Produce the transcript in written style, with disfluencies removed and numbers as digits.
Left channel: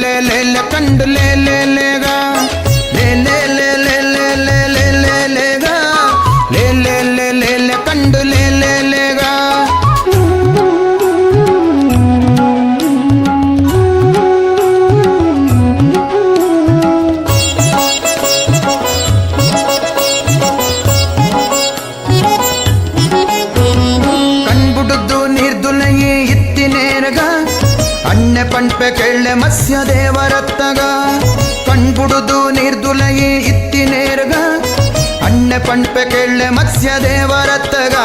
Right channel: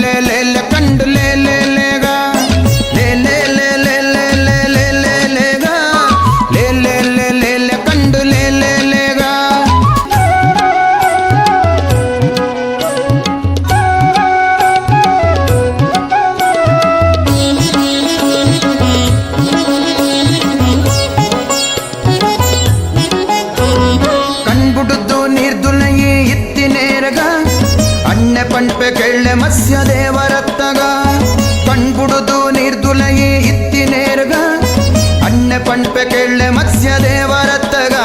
ಲೇ ಲೇ ಲೇ ಕಂಡು ಲೇ ಲೇ ಲೇಗ ಲೇ ಲೇ ಲೇ ಲೇ ಲೇ ಲೇ ಲೇ ಲೇ ಲೇಗ ಲೇ ಲೇ ಲೇ ಲೇ ಲೇ ಕಂಡು ಲೇ ಲೇ ಲೇಗ ಕಣ್ಬುಡುದು ನೀರ್ದುಲಯಿ ಇತ್ತಿನೇರಗ ಅಣ್ಣೆ ಪಂಪೆ ಕೆಳ್ಳೆ ಮತ್ಸ್ಯ ದೇವರತ್ತಗ ಕಣ್ಬುಡುದು ನೀರ್ದುಲಯಿ ಇತ್ತಿನೇರಗ ಅಣ್ಣೆ ಪಂಪೆ ಕೆಳ್ಳೆ ಮತ್ಸ್ಯ ದೇವರತ್ತಗ